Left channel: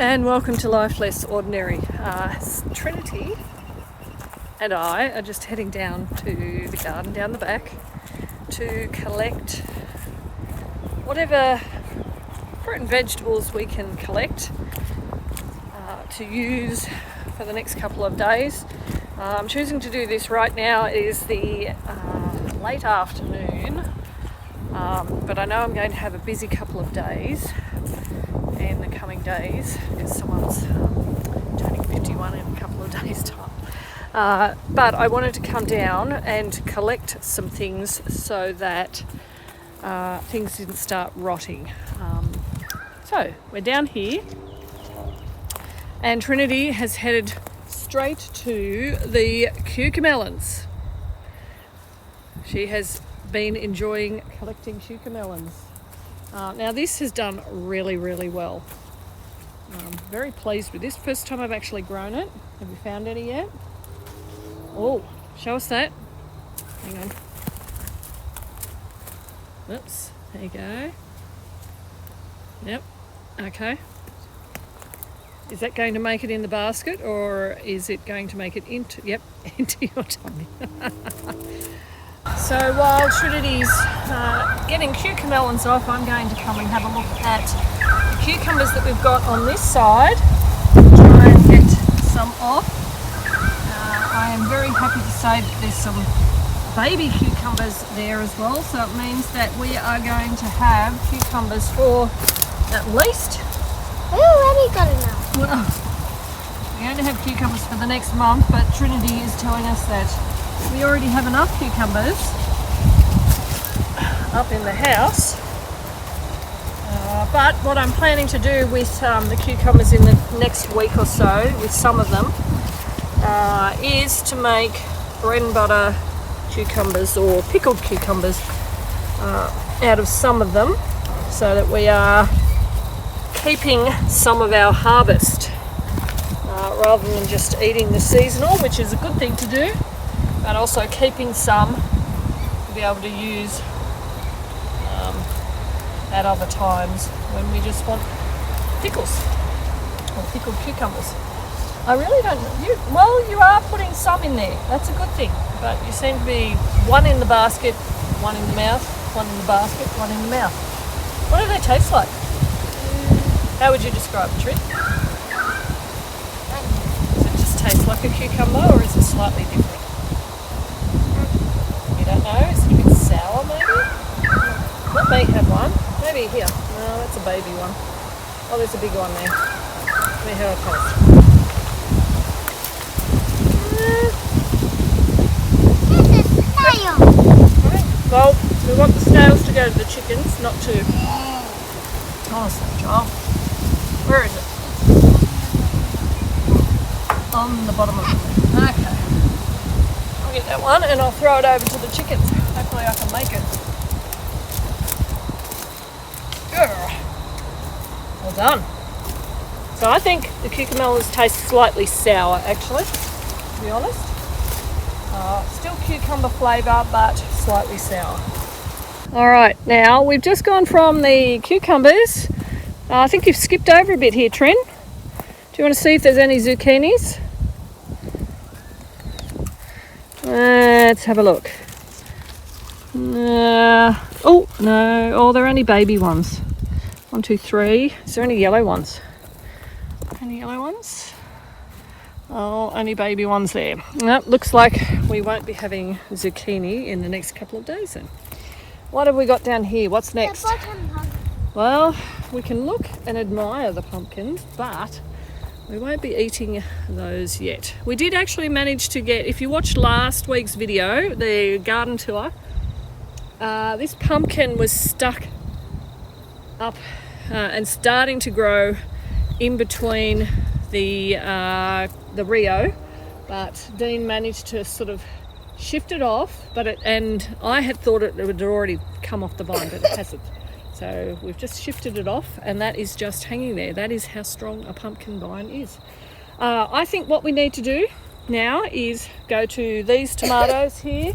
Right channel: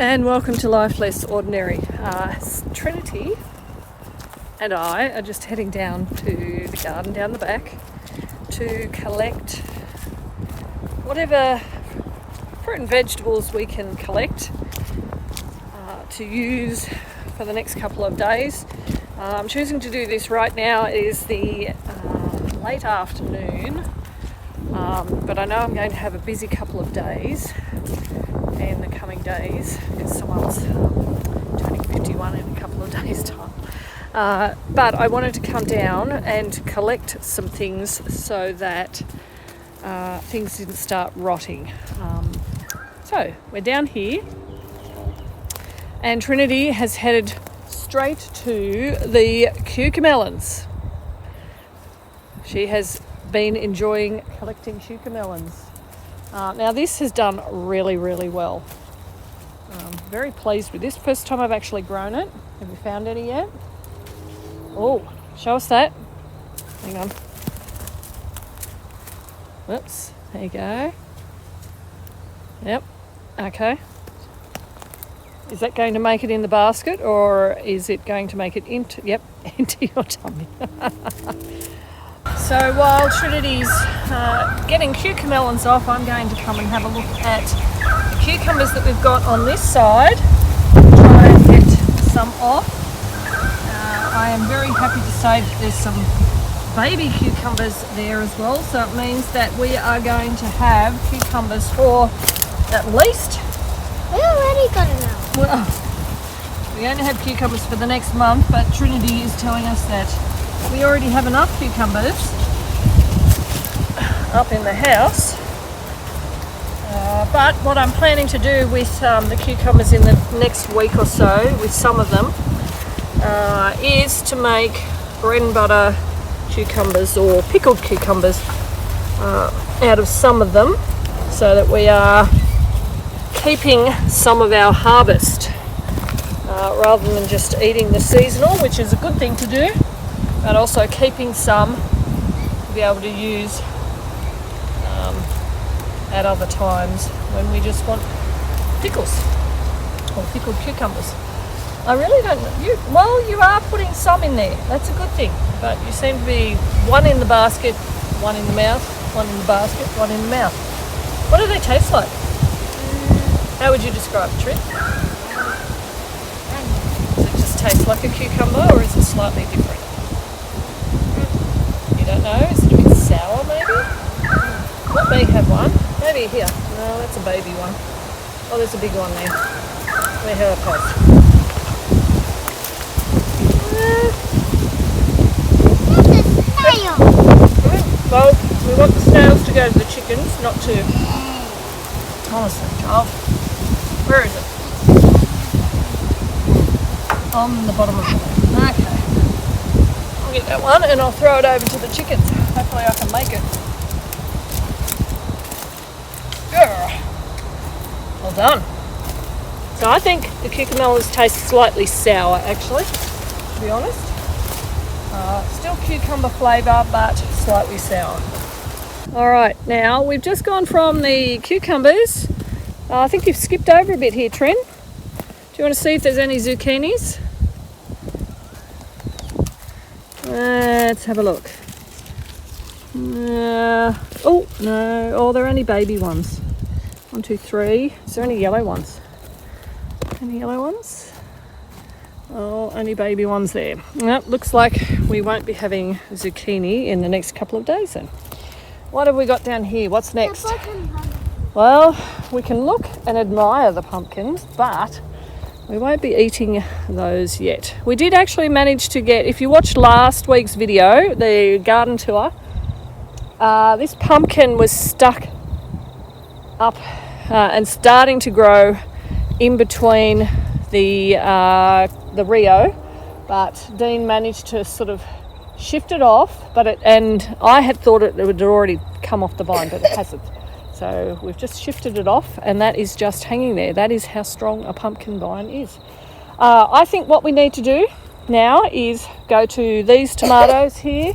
and welcome to Life Less Ordinary. Trinity and I are just heading down to the garden down the back to collect whatever fruit and vegetables we can collect to use for the next couple of days. I'm choosing to do this right now. It is the late afternoon, but I know I'm going to have a busy couple of days in the coming days because someone's turning 51 in a couple of days' time. But I wanted to come down and collect some things so that things didn't start rotting. So we're down here, and Trinity has headed straight to the cucamelons. She has been enjoying collecting cucamelons. Now this has done really well. Very pleased with this. First time I've actually grown it. Have you found any yet? Oh, show us that. Hang on. Oops, there you go. Yep, okay. Is that going to make it in the basket, or is it going to make it into your tummy? So while Trinity's getting cucamelons off, I'm going to come and have a look at the cucumbers that we've got on this side. Try and get some off. I am very happy to say that there's some baby cucumbers there as well, so it means that we are going to have cucumbers for at least... We already got enough. Well, we only have cucumbers for the next month, but Trinity is telling us that we already have enough cucumbers up in the house. But what I'm planning to do with the cucumbers in the next week or so, with some of them, is to make bread and butter cucumbers or pickled cucumbers out of some of them, so that we are keeping some of our harvest rather than just eating the seasonal, which is a good thing to do, but also keeping some to be able to use at other times when we just want pickles or pickled cucumbers. I really don't know. You are putting some in there. That's a good thing, but you seem to be one in the basket, one in the mouth, one in the basket, one in the mouth. What do they taste like? How would you describe it, Trin? Does it just taste like a cucumber, or is it slightly different? You don't know? Is it a bit sour, maybe? Let me have one. Maybe here. No, that's a baby one. Oh, there's a big one there. Let me have a taste. Well, we want the snails to go to the chickens, not to... Honestly, child. Where is it? On the bottom of the left. Okay. I'll get that one and I'll throw it over to the chickens. Hopefully I can make it. Yeah. Well done. So I think the cucamelons taste slightly sour, actually, to be honest. Still cucumber flavour, but slightly sour. Alright, now we've just gone from the cucumbers. I think you've skipped over a bit here, Trin. Do you want to see if there's any zucchinis? Let's have a look. Oh, no. Oh, they're only baby ones. 1, 2, 3. Is there any yellow ones? Any yellow ones? Oh, only baby ones there. Well, looks like we won't be having zucchini in the next couple of days then. What have we got down here? What's next? Well, we can look and admire the pumpkins, but we won't be eating those yet. We did actually manage to get, if you watched last week's video, the garden tour, this pumpkin was stuck up and starting to grow in between the Rio, but Dean managed to sort of shift it off, and I had thought it would already come off the vine, but it hasn't. So we've just shifted it off, and that is just hanging there. That is how strong a pumpkin vine is. I think what we need to do now is go to these tomatoes here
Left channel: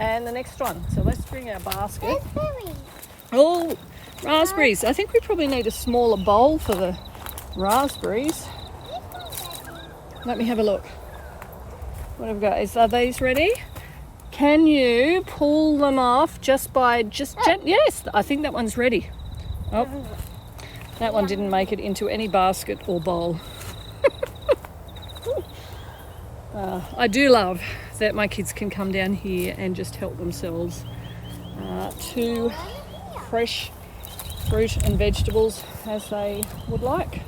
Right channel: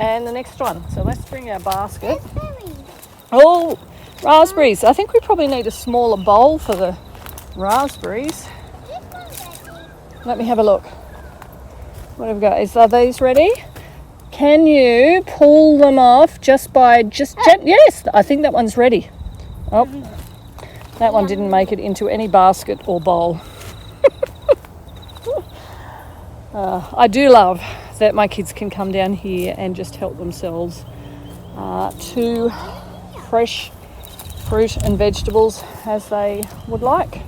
and the next one. So let's bring our basket. Oh, raspberries. I think we probably need a smaller bowl for the raspberries. Let me have a look. What have we got? Are these ready? Can you pull them off just by yes, I think that one's ready. Oh, that one didn't make it into any basket or bowl. I do love that my kids can come down here and just help themselves to fresh fruit and vegetables as they would like.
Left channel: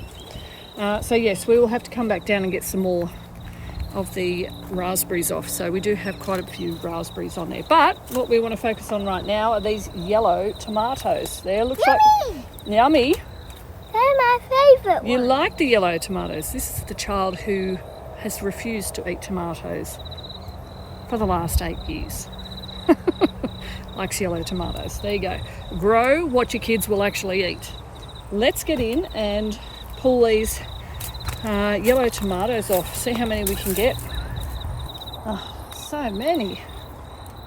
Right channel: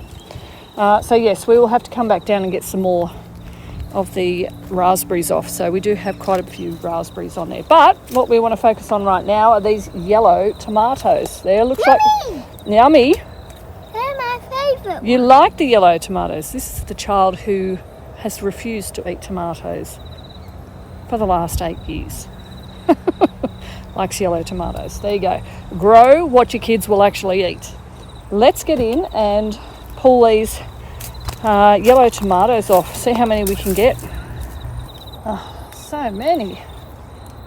So yes, we will have to come back down and get some more of the raspberries off. So we do have quite a few raspberries on there. But what we want to focus on right now are these yellow tomatoes. There, looks Yummy! like yummy. They're my favourite. You like the yellow tomatoes. This is the child who has refused to eat tomatoes for the last 8 years. Likes yellow tomatoes. There you go. Grow what your kids will actually eat. Let's get in and pull these yellow tomatoes off. See how many we can get. Oh, so many.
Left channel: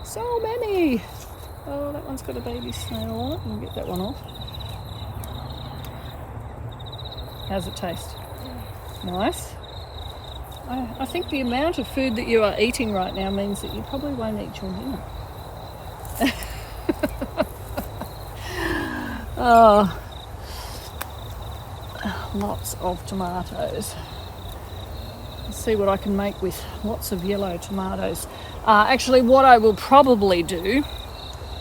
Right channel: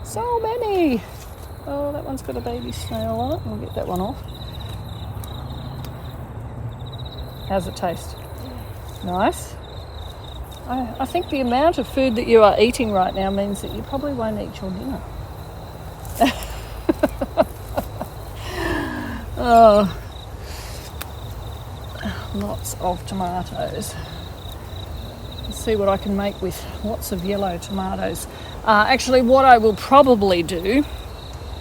So many. Oh, that one's got a baby snail on it. We'll get that one off. How's it taste? Nice. I think the amount of food that you are eating right now means that you probably won't eat your dinner. Oh, lots of tomatoes. Let's see what I can make with lots of yellow tomatoes. Actually, what I will probably do,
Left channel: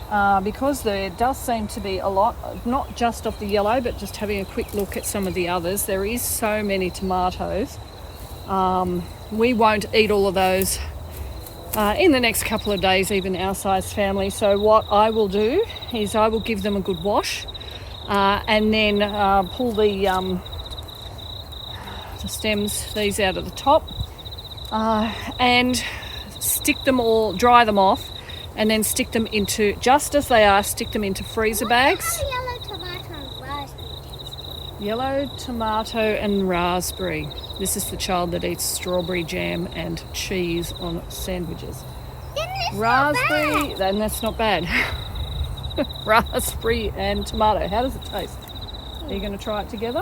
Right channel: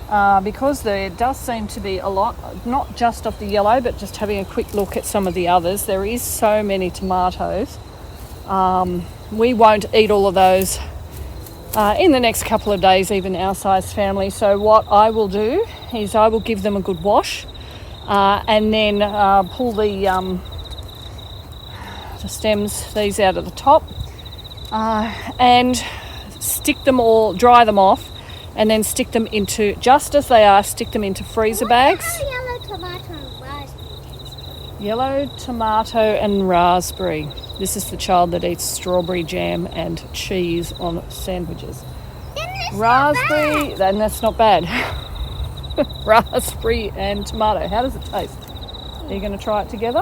because there does seem to be a lot, not just of the yellow, but just having a quick look at some of the others, there is so many tomatoes. We won't eat all of those in the next couple of days, even our size family. So what I will do is I will give them a good wash and then pull the stems, these out of the top, and stick them all, dry them off, and then stick them into, just as they are, stick them into freezer bags. Yellow tomato and raspberry taste together. Yellow tomato and raspberry. This is the child that eats strawberry jam and cheese on sandwiches. Raspberry, and that's not bad. Raspberry and tomato. How does it taste? Are you going to try it together?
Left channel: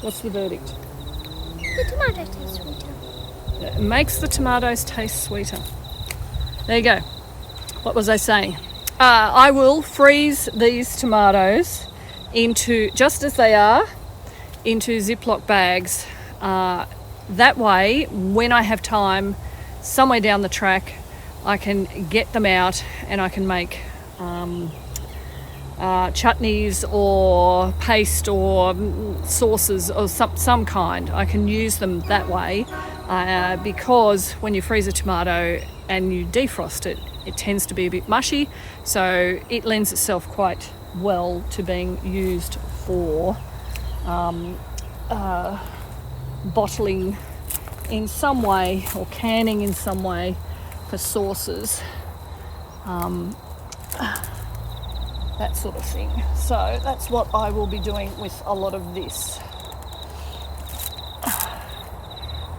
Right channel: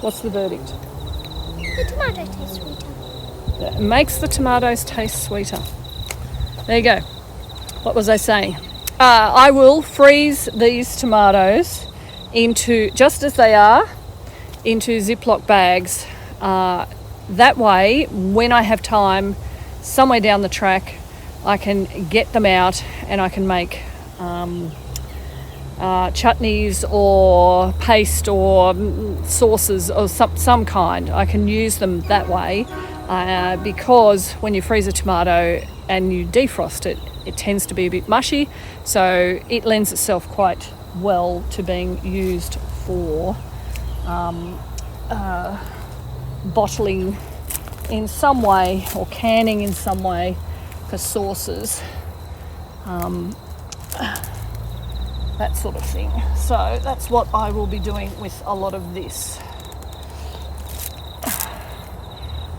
What's the verdict? The tomato tastes sweeter. It makes the tomatoes taste sweeter. There you go. What was I saying? I will freeze these tomatoes into, just as they are, into Ziploc bags. That way, when I have time, somewhere down the track, I can get them out and I can make chutneys or paste or sauces or some kind. I can use them that way because when you freeze a tomato and you defrost it, it tends to be a bit mushy, so it lends itself quite well to being used for bottling in some way or canning in some way for sauces, that sort of thing. So that's what I will be doing with a lot of this.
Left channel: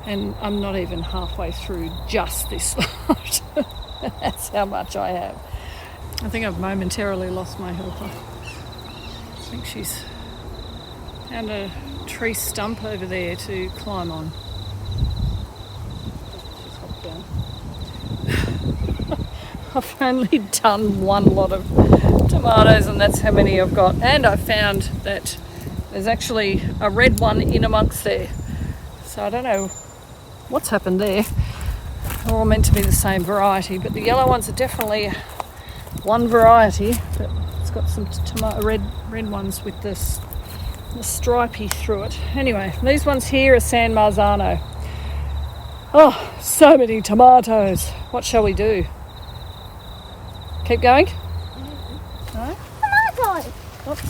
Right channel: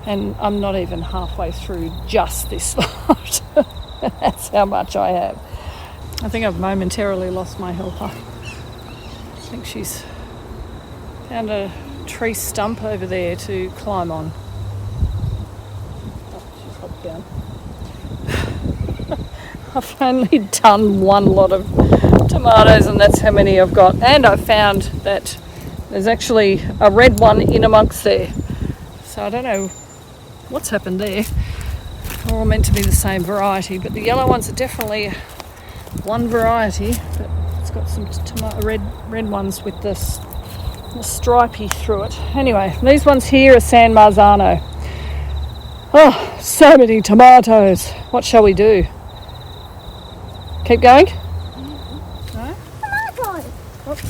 And I'm not even halfway through just this lot. That's how much I have. I think I've momentarily lost my helper. I think she's found a tree stump over there to climb on. Oh, she's hopped down. I've only done one lot of tomatoes and that's how many I've got. And I found that there's actually a red one in amongst there. So I don't know what's happened there. They're all meant to be the same variety, but the yellow ones are definitely one variety, but it's got some red ones with the stripey through it. Anyway, these ones here are San Marzano. Oh, so many tomatoes. What shall we do? Keep going? No? Oops.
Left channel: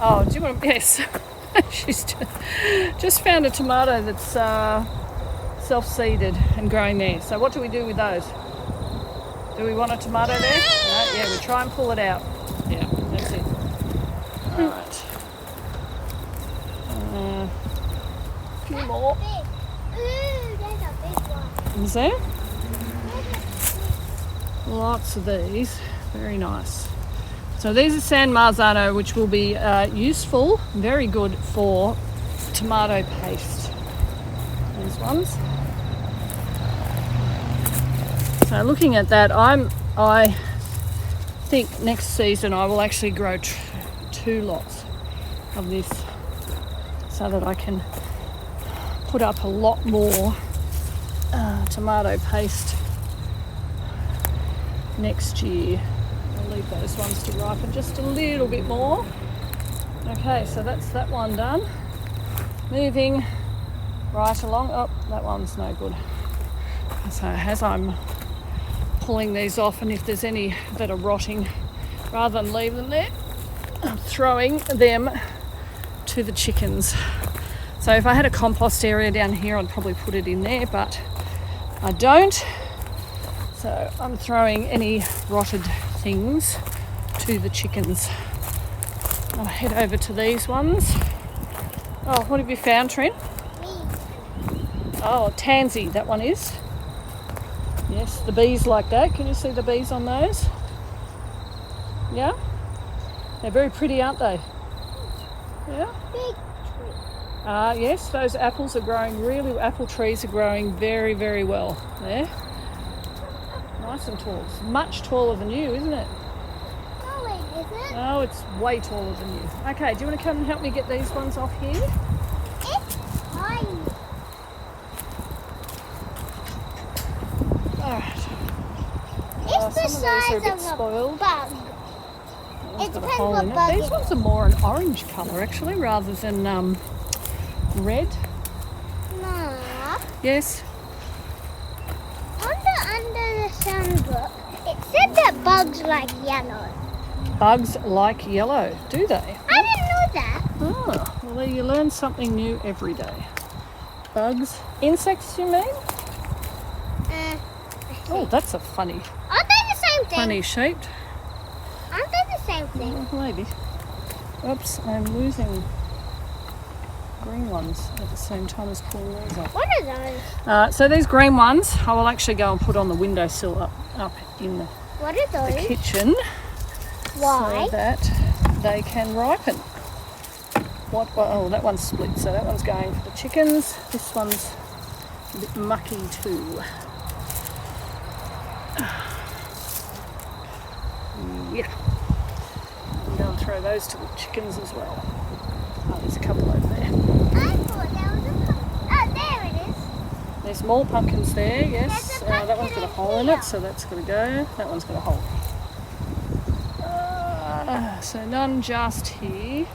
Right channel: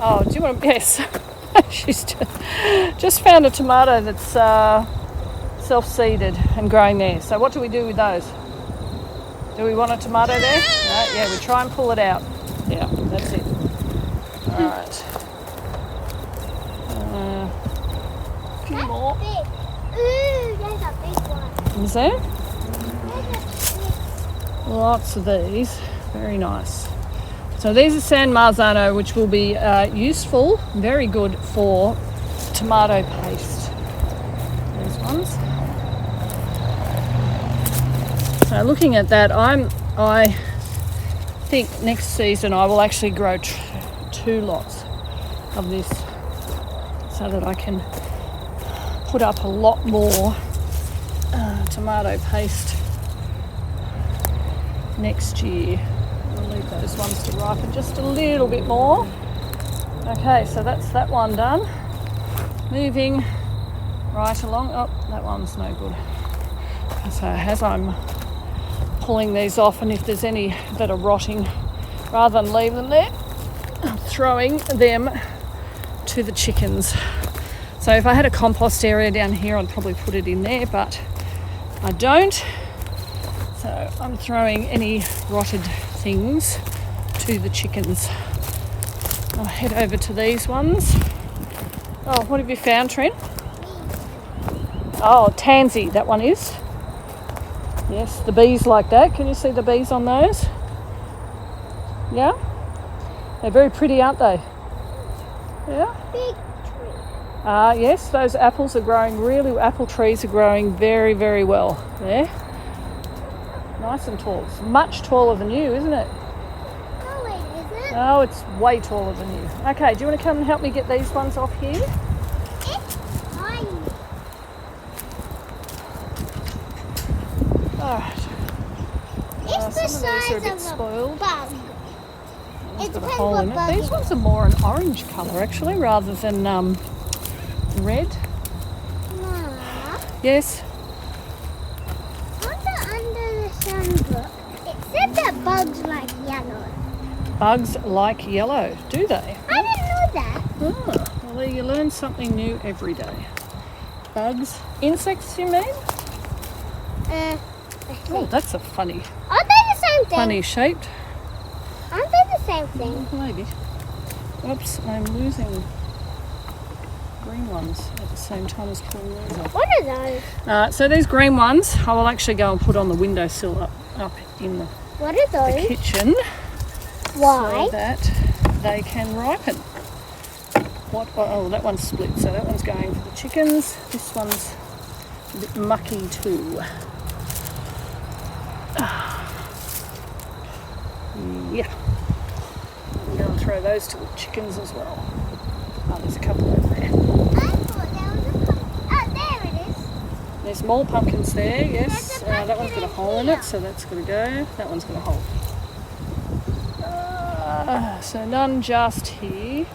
Oh, do you want to... Yes. She's just found a tomato that's self-seeded and growing there. So what do we do with those? Do we want a tomato there? No? Yeah, we try and pull it out. Yeah, that's it. All right. A few more. Ooh, there's a big one. Is there? Lots of these. Very nice. So these are San Marzano, which will be useful, very good for tomato paste. These ones. So looking at that, I think next season I will actually grow 2 lots of this so that I can put up a lot more tomato paste next year. I'll leave those ones to ripen just a little bit more. Okay, so that's that one done. Moving right along. Oh, that one's no good. So as I'm pulling these off, and if there's any that are rotting, rather than leave them there, I'm throwing them to the chickens. So if I had a compost area down here, I'd probably put it in there, but I don't. So I'm throwing any rotted things to the chickens. I'll head over to these ones. Oh, what have you found, Trent? Oh, tansy, that one is. Yes, the bees like that. Can you see the bees on those? Yeah? They're very pretty, aren't they? Yeah? Big tree. Yes, those apples are growing apple trees are growing very, very well there. Nice and tall. It's much taller than you, isn't it? No, it isn't. Oh, it's way taller than you. Okay, do you want to come and help me get these ones off here? It's tiny. Alright. It's Some the of these are a size bit of spoiled. bug. That one's It got a depends hole what in it. bug These it ones are more an orange colour actually, rather than red. No. Yes. Under the sunbook, it said that bugs like yellow. Bugs like yellow, do they? I didn't know that. Oh, well there you learn something new every day. Bugs, insects you mean? Oh, that's a funny Aren't they the same thing? shaped. Aren't they the same thing? Oh, maybe. Oops, I'm losing green ones at the same time as pulling those off. What are those? So these green ones I will actually go and put on the windowsill up in the What are those? kitchen Why? so that they can ripen. Oh, that one's split, so that one's going for the chickens. This one's a bit mucky too. Yeah. I'm going to throw those to the chickens as well. Oh, there's a couple over there. Oh, there it is. There's more pumpkins there, yes. That one's got a hole in it, so that's got to go. That one's got a hole. So none just here.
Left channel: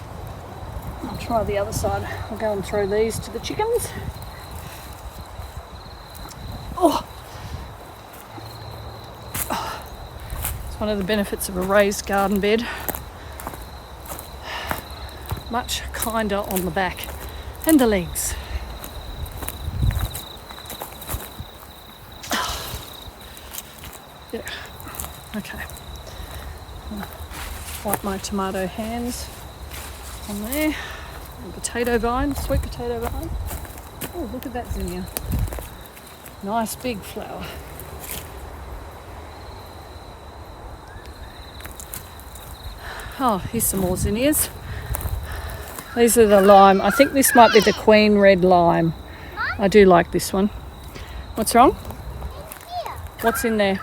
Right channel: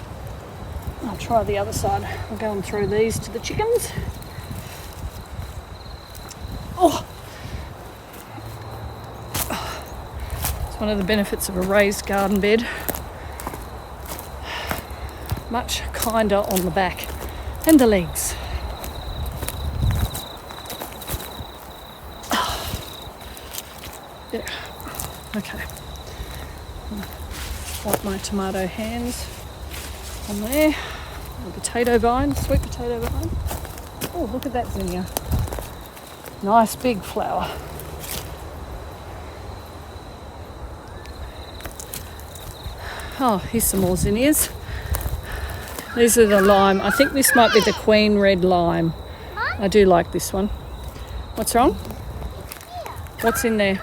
I'll try the other side. I'll go and throw these to the chickens. Oh! It's one of the benefits of a raised garden bed. Much kinder on the back and the legs. Yeah, okay. Wipe my tomato hands on there. The potato vine, sweet potato vine. Oh, look at that zinnia. Nice big flower. Oh, here's some more zinnias. These are the lime. I think this might be the Queen Red Lime. I do like this one. What's wrong? What's in there?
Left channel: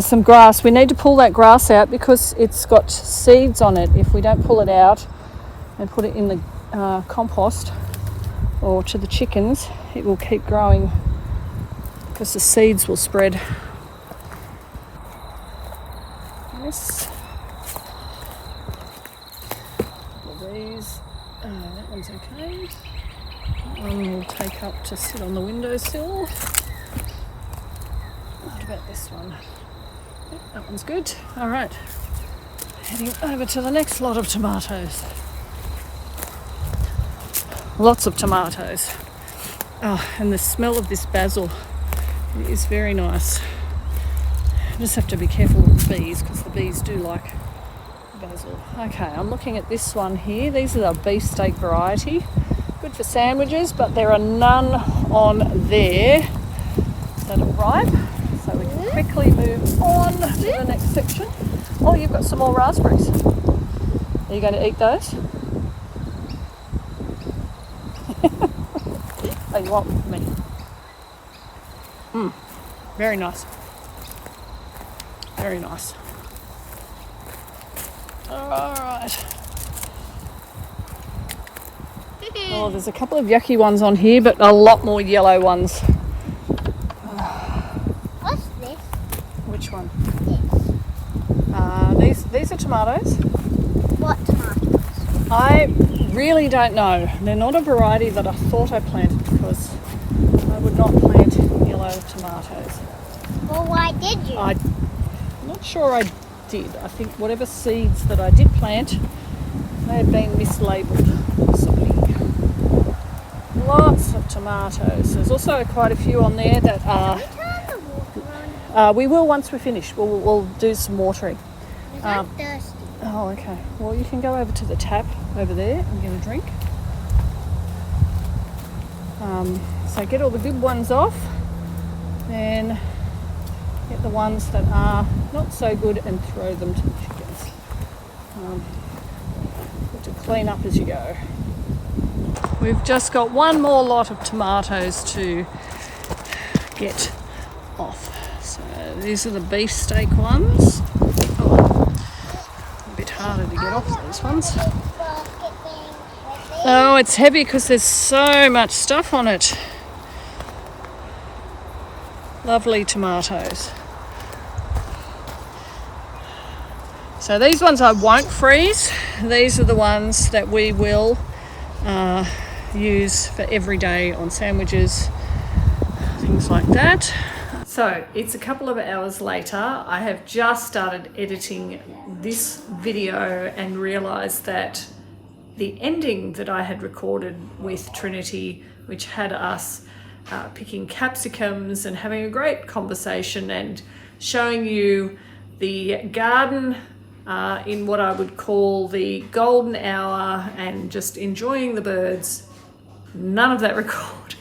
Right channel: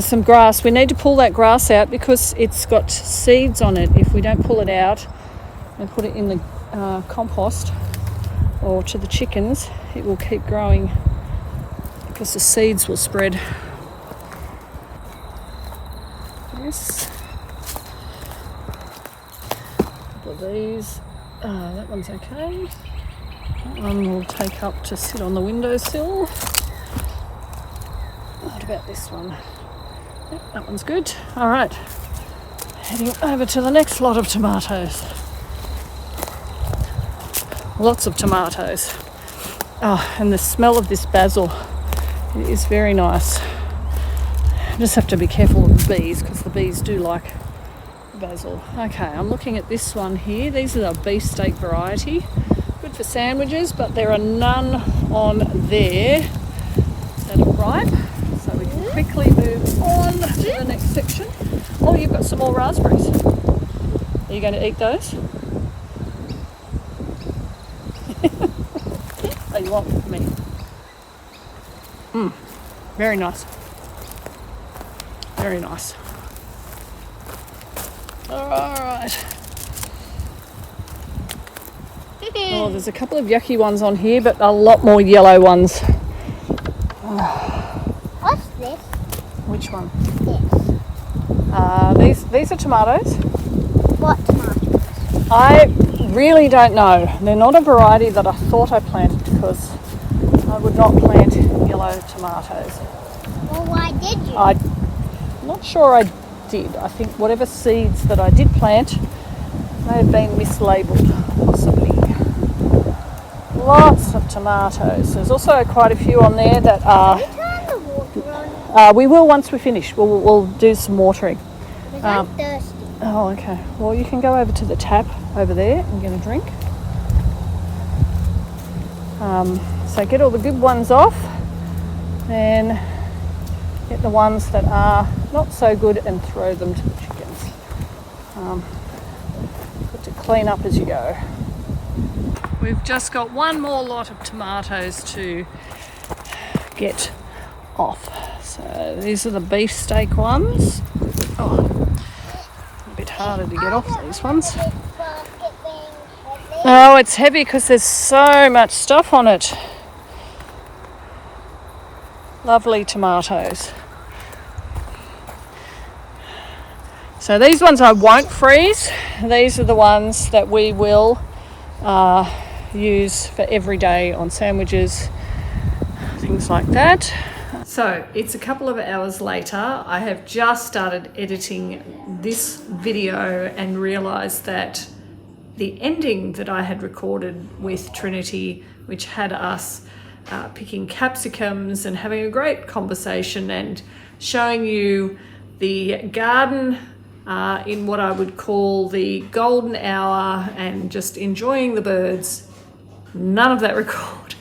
Some grass. We need to pull that grass out because it's got seeds on it. If we don't pull it out and put it in the compost or to the chickens, it will keep growing because the seeds will spread. Yes. These, that one's okay. That one will take up to sit on the windowsill. What about this one? Yep, that one's good. All right, heading over to the next lot of tomatoes. Lots of tomatoes. Oh, and the smell of this basil is very nice. Just have to be careful of the bees because the bees do like basil. Okay, I'm looking at this one here. These are the beefsteak variety. Good for sandwiches, but there are none on there that are ripe. So we can quickly move on to the next section. Oh, you've got some more raspberries. Are you going to eat those? Oh, you want me? Very nice. Very nice. All right. Oh, there's a couple of yucky ones on here, but a lot more yellow ones. What's this? Which one? This. These are tomatoes. What tomatoes? I really don't know. They're not a variety that I thought I planted because I would not plant yellow tomatoes. Well, why did you? I'm not sure I did. I think whatever seeds that I did plant may have been mislabeled or something. Lots of tomatoes. There's also quite a few on there that are... Can you turn the water on? we will once we finish. We'll do some watering. Because I'm thirsty. Oh, okay. Well, you can go over to the tap over there and get a drink. So get all the good ones off, then get the ones that are not so good and throw them to the chickens. Have to clean up as you go. We've just got one more lot of tomatoes to get off. So these are the beefsteak ones. Oh, a bit harder to get off these ones. Oh, it's heavy because there's so much stuff on it. Lovely tomatoes. So these ones I won't freeze. These are the ones that we will use for every day on sandwiches, things like that. So it's a couple of hours later. I have just started editing this video and realised that the ending that I had recorded with Trinity, which had us picking capsicums and having a great conversation and showing you the garden in what I would call the golden hour and just enjoying the birds, none of that recorded.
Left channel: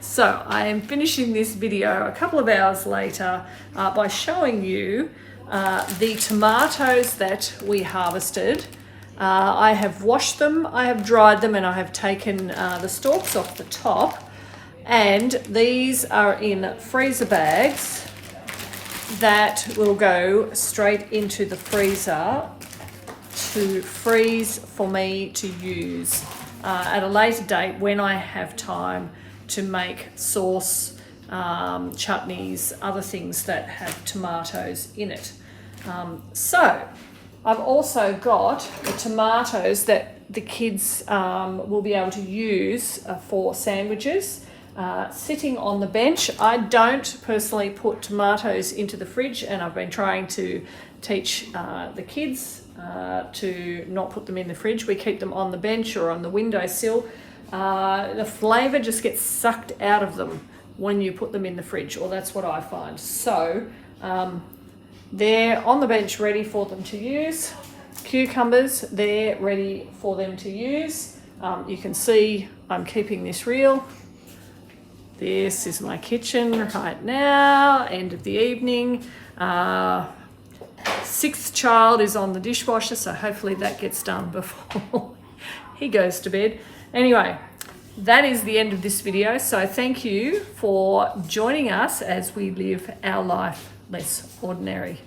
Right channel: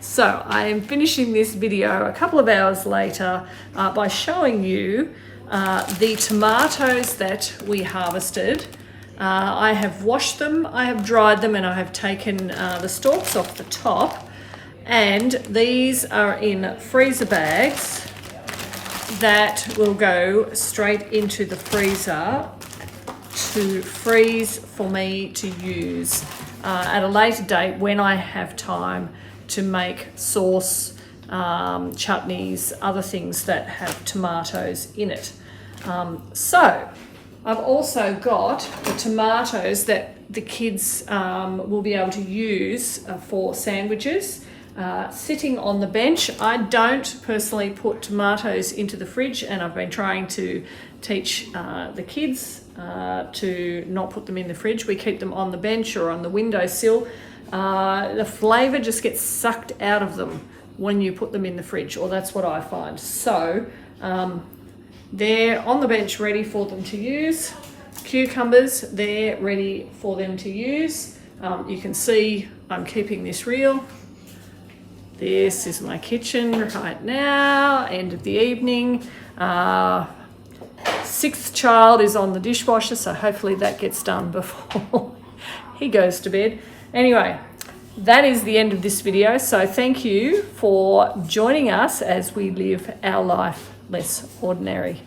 So I am finishing this video a couple of hours later by showing you the tomatoes that we harvested. I have washed them, I have dried them, and I have taken the stalks off the top. And these are in freezer bags that will go straight into the freezer to freeze for me to use at a later date when I have time to make sauce, chutneys, other things that have tomatoes in it. So I've also got the tomatoes that the kids will be able to use for sandwiches. Sitting on the bench. I don't personally put tomatoes into the fridge, and I've been trying to teach the kids to not put them in the fridge. We keep them on the bench or on the windowsill. The flavour just gets sucked out of them when you put them in the fridge, or that's what I find. So they're on the bench ready for them to use. Cucumbers, they're ready for them to use. You can see I'm keeping this real. This is my kitchen right now, end of the evening. Sixth child is on the dishwasher, so hopefully that gets done before he goes to bed. Anyway, that is the end of this video. So thank you for joining us as we live our life less ordinary.